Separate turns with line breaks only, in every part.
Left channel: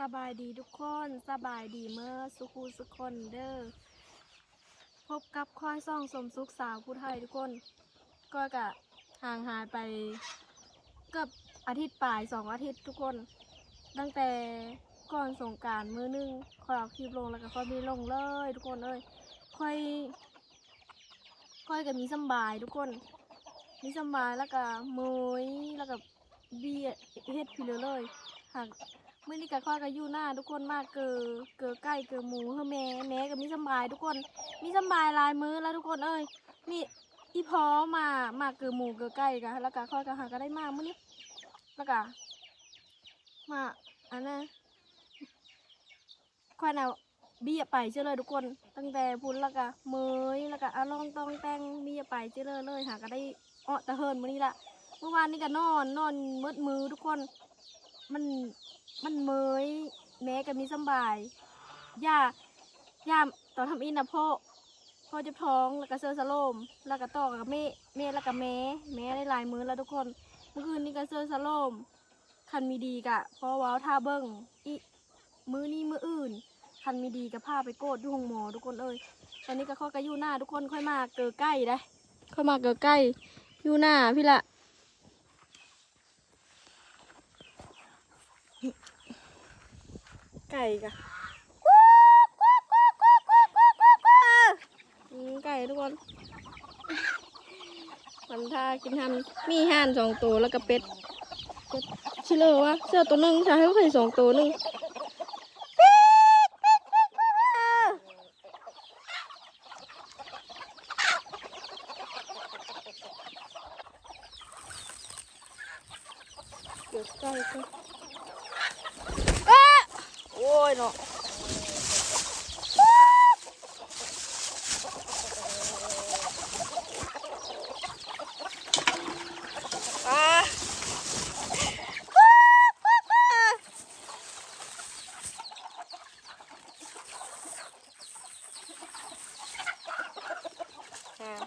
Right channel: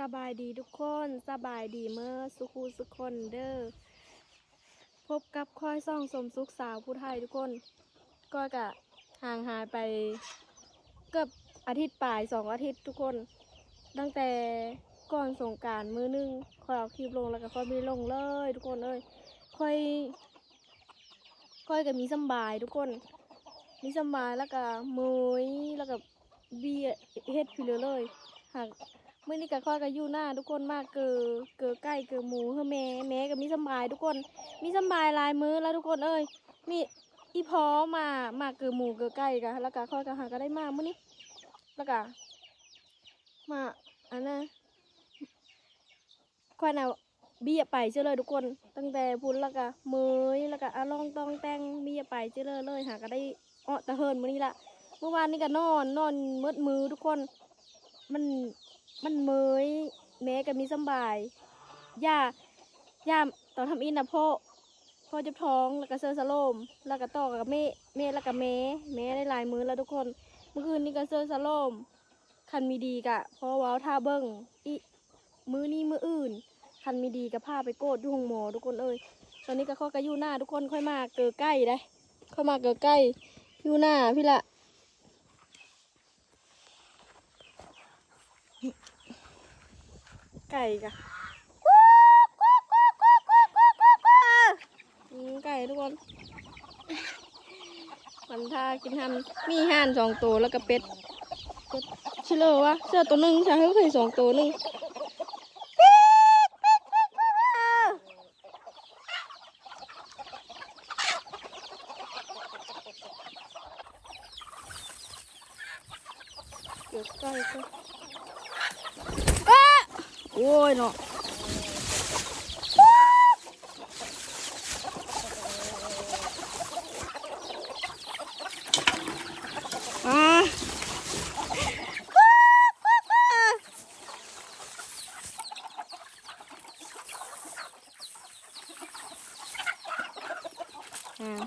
สบายดีทุกคนสบายดีเมื่อสุขูสุคนเด้อพบกับค่อยซ่องสมสุขสาวผู้ไทยทุกคน ก็กะห่างหายไปเกือบอาทิตย์ปลายสองอาทิตย์ทุกคน ตั้งแต่ก่อนสงการมือหนึงค่อยเอาคลิปลงแล้วก็ค่อยไม่ลงเลย ทุกคนเอ้ยค่อย ค่อยก็มีสบายทุกคน มีสบายแล้วก็เมยแล้วก็เบียเฮ็ดพิเลเลยหาก มื่อนี้ก็ค่อยก็อยู่หน้าทุกคนมากเกอเกอไก่เกอหมูเฮอแม่แม่ก็มีสบายทุกคน มีสบายลายมือแล้วทุกคนเอ้ยมีอีพอมามาเกอหมูเกอไก่กะแล้วก็ค่อยก็หาก็ได้มากมื้อนี้แล้วก็มาอันน่ะค่อยน่ะเบี้ยไปเชื่อเลยทุกคน ตั้งแต่พุ่นแล้วก็เมยแล้วก็อาลองตองแตงเบี้ยไปเชื่อเลยเลยหาก็ได้อ้อตะเฮินมื้อนี้ละเมื่อวานนี้ก็นอนนอนมืดมือทุกคน มัน มันเมยแม่ก็มีสบายย่าย่าตอนทำอินนะพ่อพ่อจะท้องแล้วก็เซอร์สโลม แล้วก็ต่อกับแม่แม่แล้วก็แม่แม่ได้หลายมือแล้วทุกคน เมื่อคืนนี้ก็เซอร์สโลม คันมีดีกะพราะว้าวท่าเบิ้งอีมือนี้มืออื่น คันมีดีกับผ้าไปโกดอยู่ห้องหมอทุกคนเอ้ยตอนนี้ก็ข้อก็อยู่หน้าทุกคนค่อยมาเกิดใกล้ได้ค่อยมาเกิดใกล้ยู่หน้าพี่ละ ไก่กะไก่ทุกคนมันท่ากินทำมีห่านสองตัวแล้วก็เป็ดเป็ดชิเลอวะเสื้อตัวหนึ่งใช่ให้เคยสองตัวหนึ่งเดี๋ยวใกล้ก็อ้าโอ้ยเนาะ อ่าอ่า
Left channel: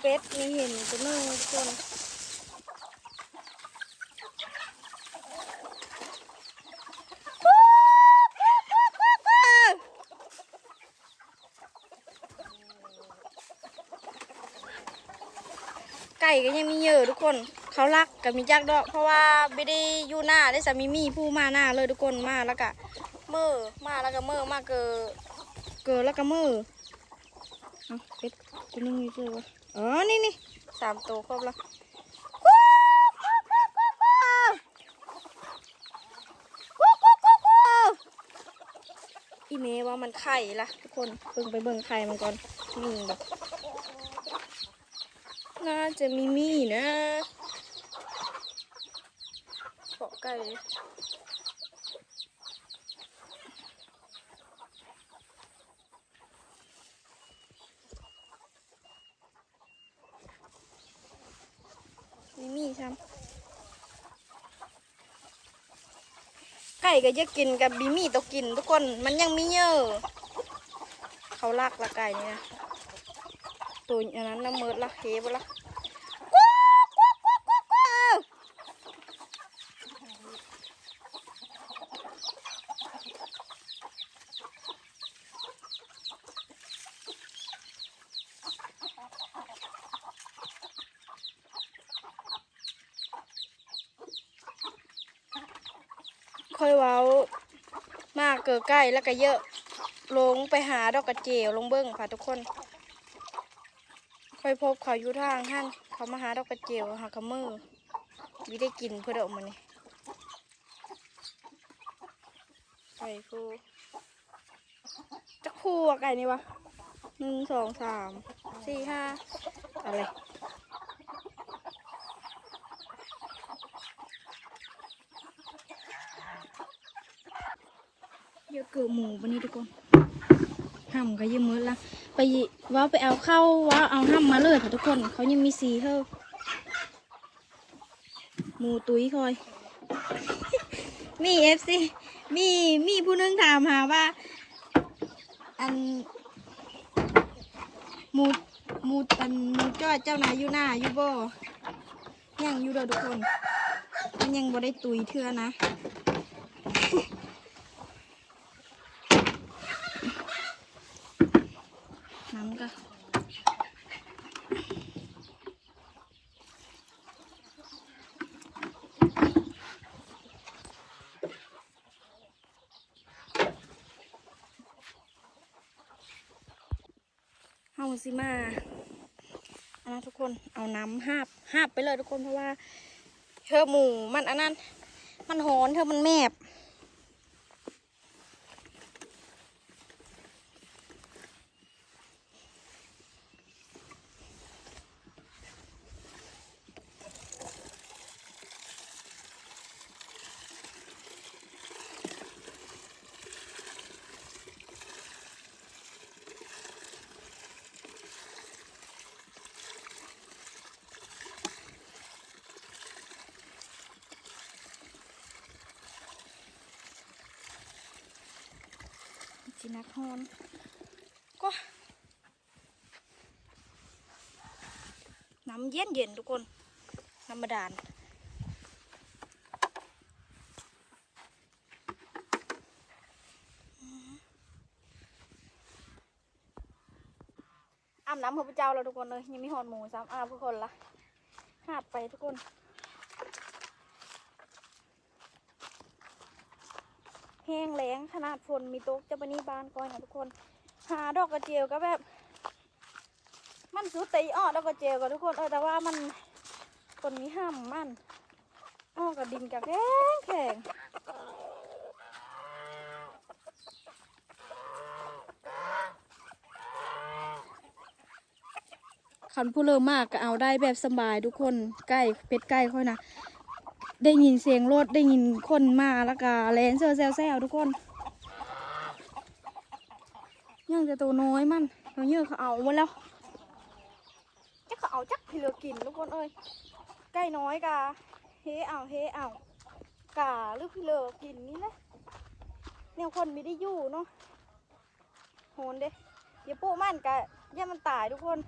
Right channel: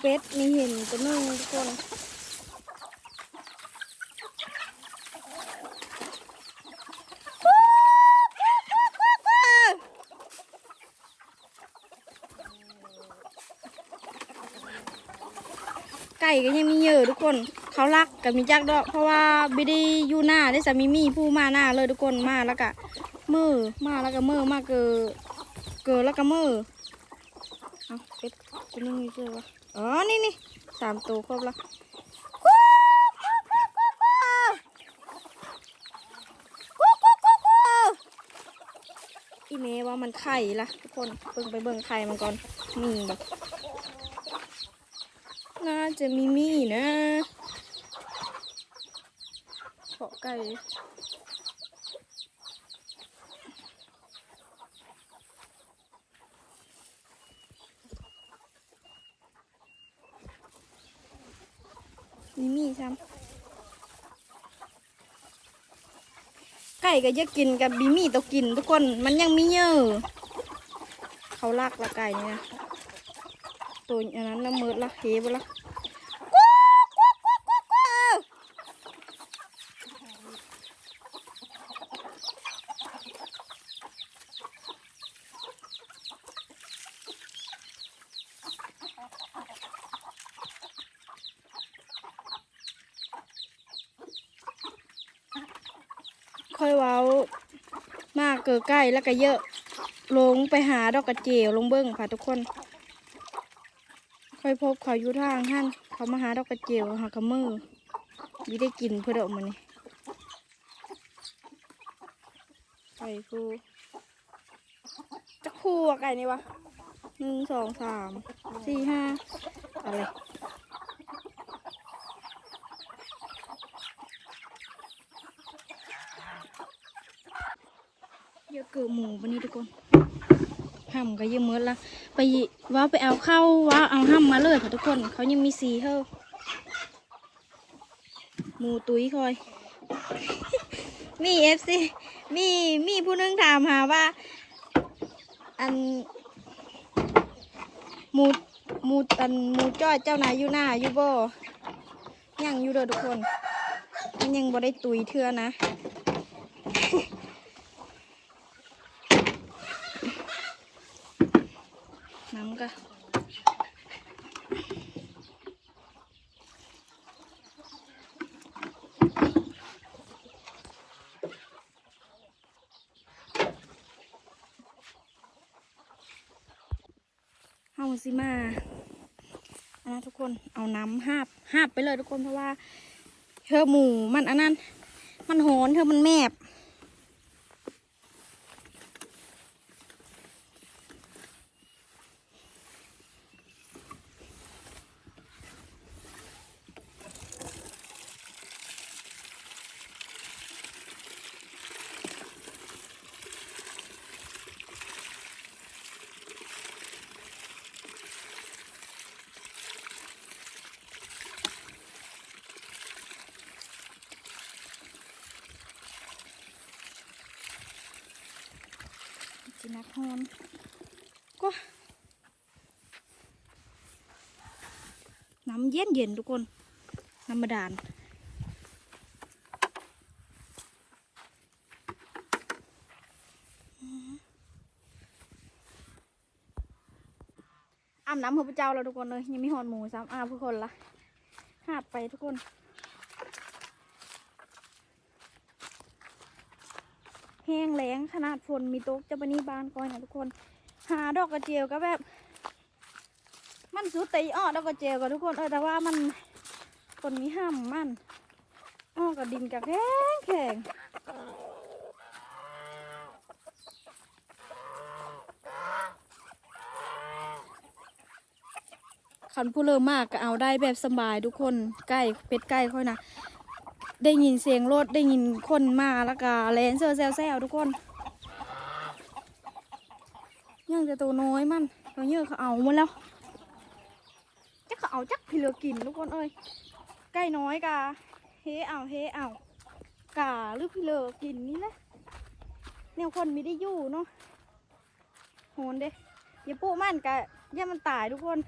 เป็ ดมีเห็นตัวนึงทุกคนไก่ก็ยังมีเยอะทุกคน เขารักกับมีจักดอก เพราะว่าบิได้อยู่หน้าได้สามีมีผู้มาหน้าเลยทุกคนมาแล้วก็มือมาแล้วก็มือมาเกอเกอแล้วก็มือเอ ไม่มีเจอวะอ๋อ นี่นี่สามตัวครบแล้วอีเมว่ามันไข่ละทุกคนเบิ่งไปเบิ่งไข่มันก่อนนี่น่าจะมีมีนะขอไก่ ช้ำไก่ก็จะกินกับบีมี่ตัวกิน ทุกคนมันยังมีเยอะเขาลากละไก่นี่นะตัวอันนั้นน้ำมืดละเฮบละ ค่อยเว้ามากเกิดใกล้แล้วก็เยอะ ลงไปหาดอกกระเจียวลงเบิ้งค่ะทุกคน ค่อยพบเขาอยู่ทางหั่นเขามาหาดอกกระเจียวหากระมือวิได้กินเพื่อเดอกมันนี่ไก่ฟูจะคู่อะไก่นี่วะหนึ่งสองสามสี่ห้าอะไร เยอหมูวันนี้ทุกคนห้ำก็เยอะเมื่อละไปว่าไปเอาเข้าว่าเอาห้ำมาเลยค่ะทุกคนเขายังมีสีเท่าหมูตุ้ยคอย มีเอฟซีมีมีผู้นึงถามหาว่า อันหมูหมูอันหมูจ้อยเจ้านายอยู่หน้าอยู่บ่ยังอยู่เด้อทุกคน มันยังบ่ได้ตุยเทื่อนะ น้ำก็ิมาอันนั้นทุกคนเอาน้ำหาบหาบไปเลยทุกคนเพราะว่าเธอหมูมันอันนั้น มันหอนเธอมันแมบินักฮอนก็น้ำเย็นเย็นทุกคนน้ำบาดาลอาบน้ำพระพเจ้าแล้วทุกคนเลยยังไมีหอนหมูซ้ำอาบทุกคนละหาบไปทุกคน แห้งแล้ง ขนาดฝนมีตกจะปนี่บานก่อนนะทุกคน หาดอกกระเจียวก็แบบ มันสุดตีอ้อดอกกระเจียวกับทุกคนเออแต่ว่ามันคนนี้ห้ามมันอ้อกับดินกับแข็งแข็งคันผู้เริ่มมากก็เอาได้แบบสบายทุกคนใกล้เป็ดใกล้ค่อยนะได้ยินเสียงรถได้ยินคนมาแล้วก็แลนเซอร์แซวแซวทุกคน ยังจะตัวน้อยมันเราเยอะเขาเอามาแล้วจะเขาเอาจักพี่เหลือกินทุกคนเอ้ยใกล้น้อยกาเฮเอาเฮเอากาหรือพี่เลือกินนี่แหละแนวคนไม่ได้อยู่เนาะโหนเด้อย่าปูมันกะอย่ามันตายทุกคน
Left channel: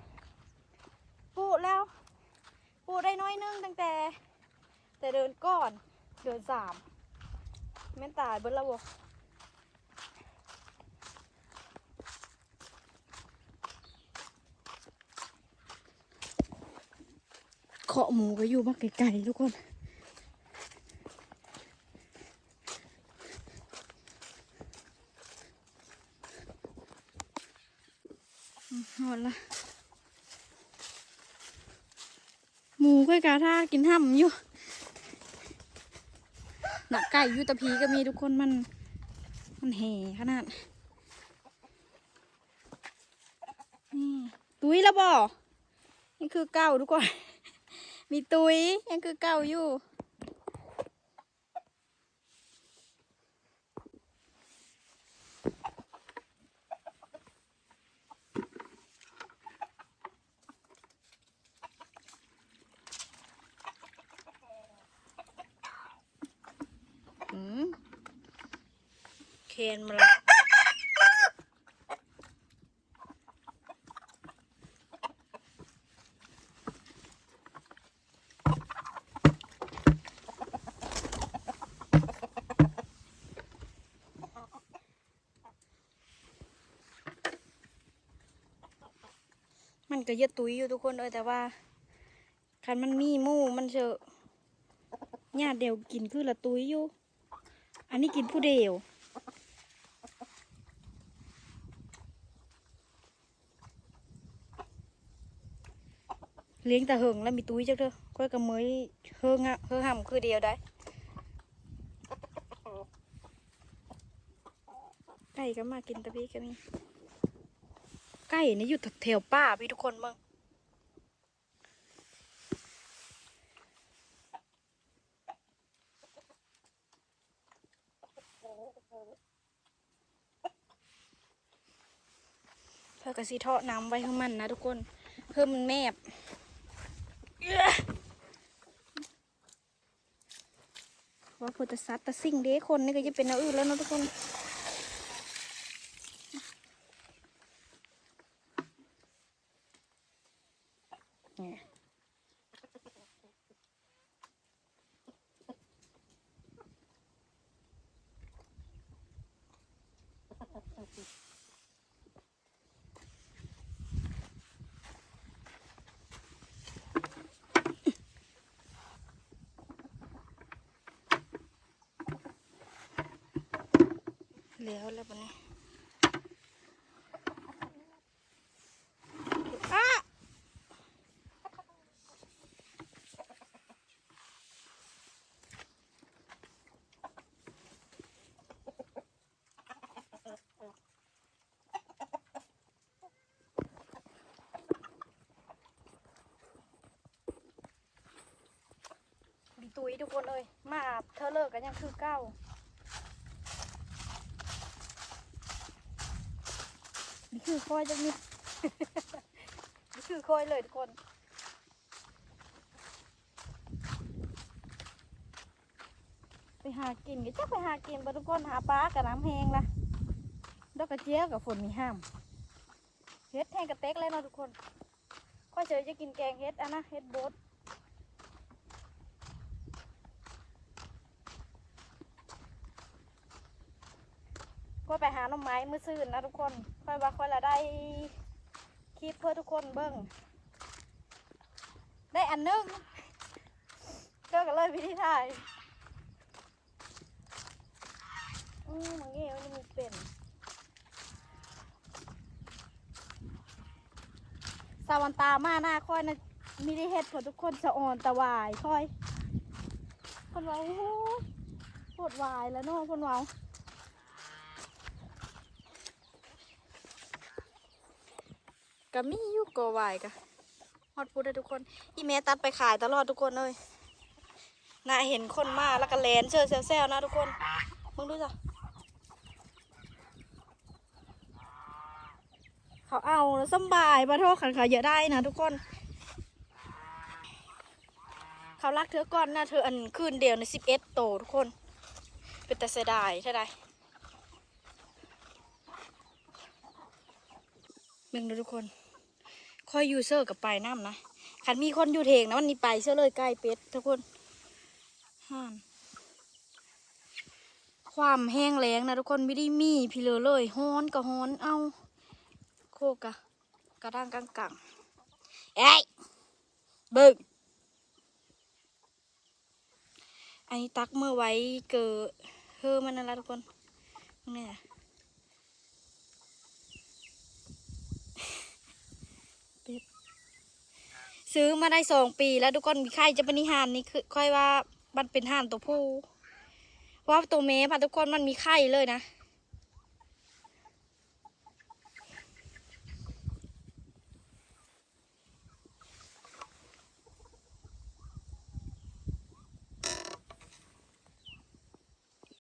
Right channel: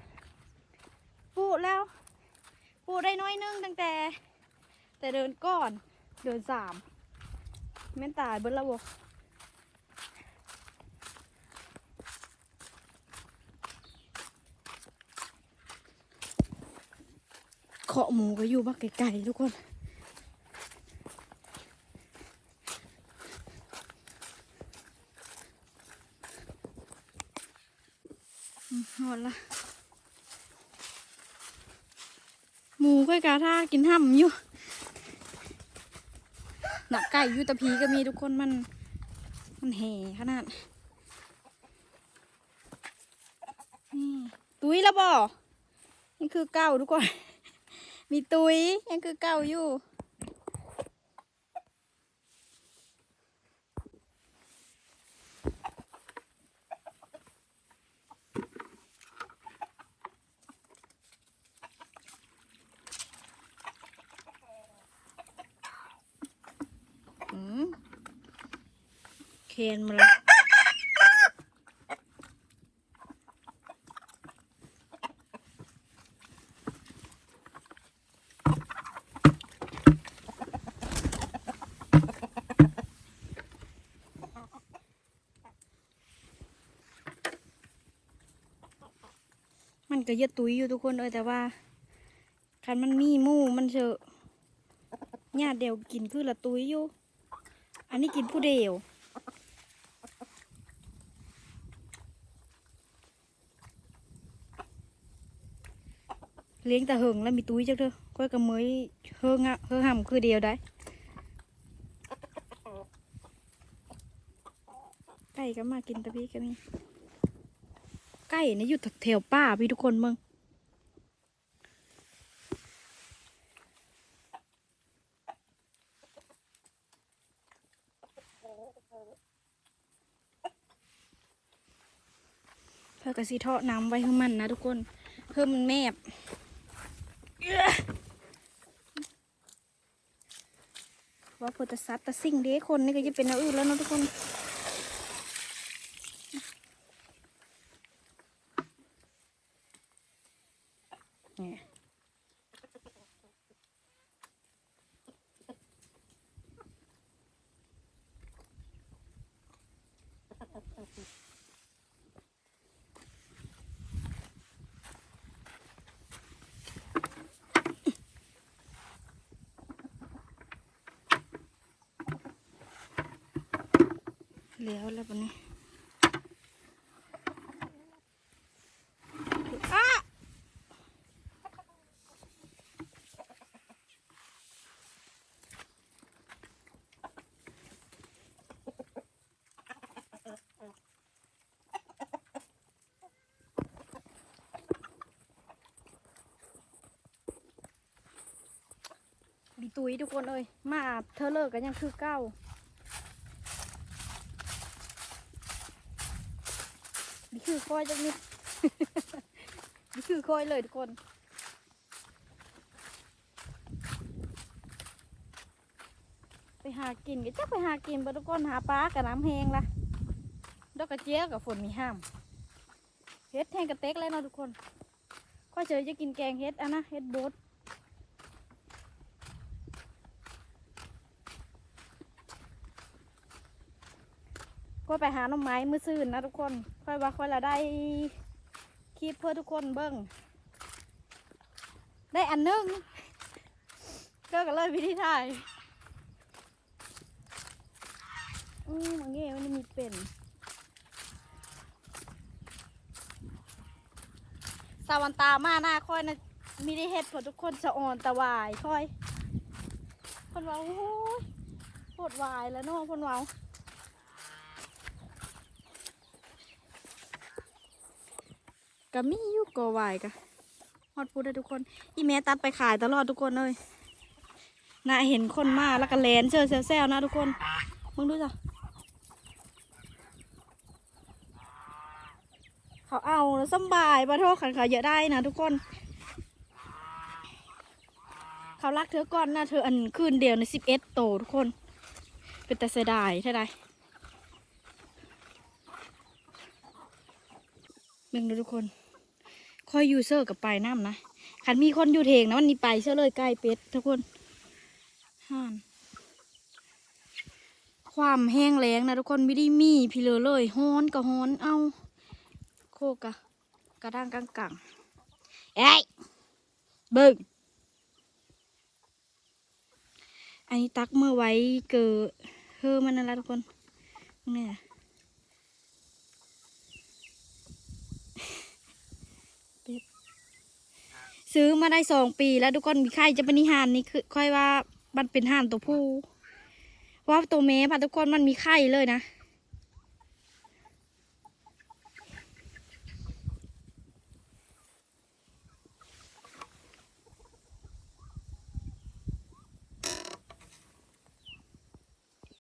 ปูแล้วปูได้น้อยนึงตั้งแต่ แต่เดินก่อนเดินสามแม่นตายเบิ้ลละบเคาะหมูก็อยู่บ้านไกลๆทุกคนอืมหอนละหมูค่อยกาท่ากินห้ำอยู่หนักไก่อยูแตะพีก็มีทุกคนมัน มันแห่ขนาดตุ้ยแล้วบ่นี่คือเก่าทุกคน มีตุ้ยยังคือเก่าอยู่ เคนมาละ มันก็เยอะตุ้ยอยู่ทุกคนเลยแต่ว่าคันมันมีมูมันเชอะญาติเดียวกินคือละตุ้ยอยู่ อันนี้กินผู้เดียวเลี้ยงแต่เหิงแล้วมีตุ้ยจักเด้อก้อยกับเมยเฮิงอะเฮงห่ำคือเดียวได้ไก่ก็มากินตะพี่ก็มี ไก่เนี่ยอยู่แถวป่าพี่ทุกคนมึงเพื่อกระสีเทาะน้ำไว้ให้มันนะทุกคนเพิ่มมันแมบว่าโพตสัตตะสิ่งเด้คนนี่ก็จะเป็นแนวอื่นแล้วนะทุกคน
แล้วแล้วปะนี้อ้าดีตุยทุกคนเอ้ยมาเธอเลิกกันยังคือเก้า นี่คือคอยจังนิดนี่คือคอยเลยทุกคนไปหากินก็จะไปหากินไปทุกคนหาปลากับน้ำแหงนะดอกกระเจี๊ยบกับฝนมีห้ามเฮ็ดแทงกระเต็กเลยเนาะทุกคนข้อยเฉยจะกินแกงเฮ็ดอะนะเฮ็ดบด ก็ไปหาหน่อไม้มือซื่นนะทุกคน ค่อยว่าค่อยละได้คลิปเพื่อทุกคนเบิ้งได้อันหนึงก็เลยวิธีถ่ายอืมอันนี้มันมีเป็นสาวันตามาหน้าค่อยนะมีได้เห็ดผลทุกคนสะอ่อนตะวายค่อย คนว่าโอ้ยปวดวายแล้วเนาะคนว่า ก็มีอยู่ก็วายกะฮอดพูดได้ทุกคนอีเมตัดไปขายตลอดทุกคนเลยน่าเห็นคนมาแล้วก็แลนเชื่อแซวๆนะทุกคนมึงดูจ้ะเขาเอาสบายมาโทษขันเขาเยอะได้นะทุกคนเขารักเธอก่อนนะเธออันคืนเดียวในสิบเอ็ดโตทุกคน เป็นแต่เสียดายเท่าไรแบ่งดูทุกคน คอยอยู่เซอร์กับไปน้ำนะขันมีคนอยู่เทงนะมันนี่ไปเชื่อเลยใกล้เป็ดทุกคนห่านความแห้งแล้งนะทุกคนไม่ได้มีพี่เลอเลยฮ้อนก็ฮ้อนเอาโคกะกระด้างกังกังเอ้ยเบิ่งอันนี้ตักเมื่อไว้เกิดเฮอมันนั่นละทุกคนนี่แหละ เป็ดซื้อมาได้สองปีแล้วทุกคนมีไข่จะเป็นนิหานนี่คือค่อยว่ามันเป็นห่านตัวผู้ว่าตัวเมย์พะทุกคนมันมีไข่เลยนะ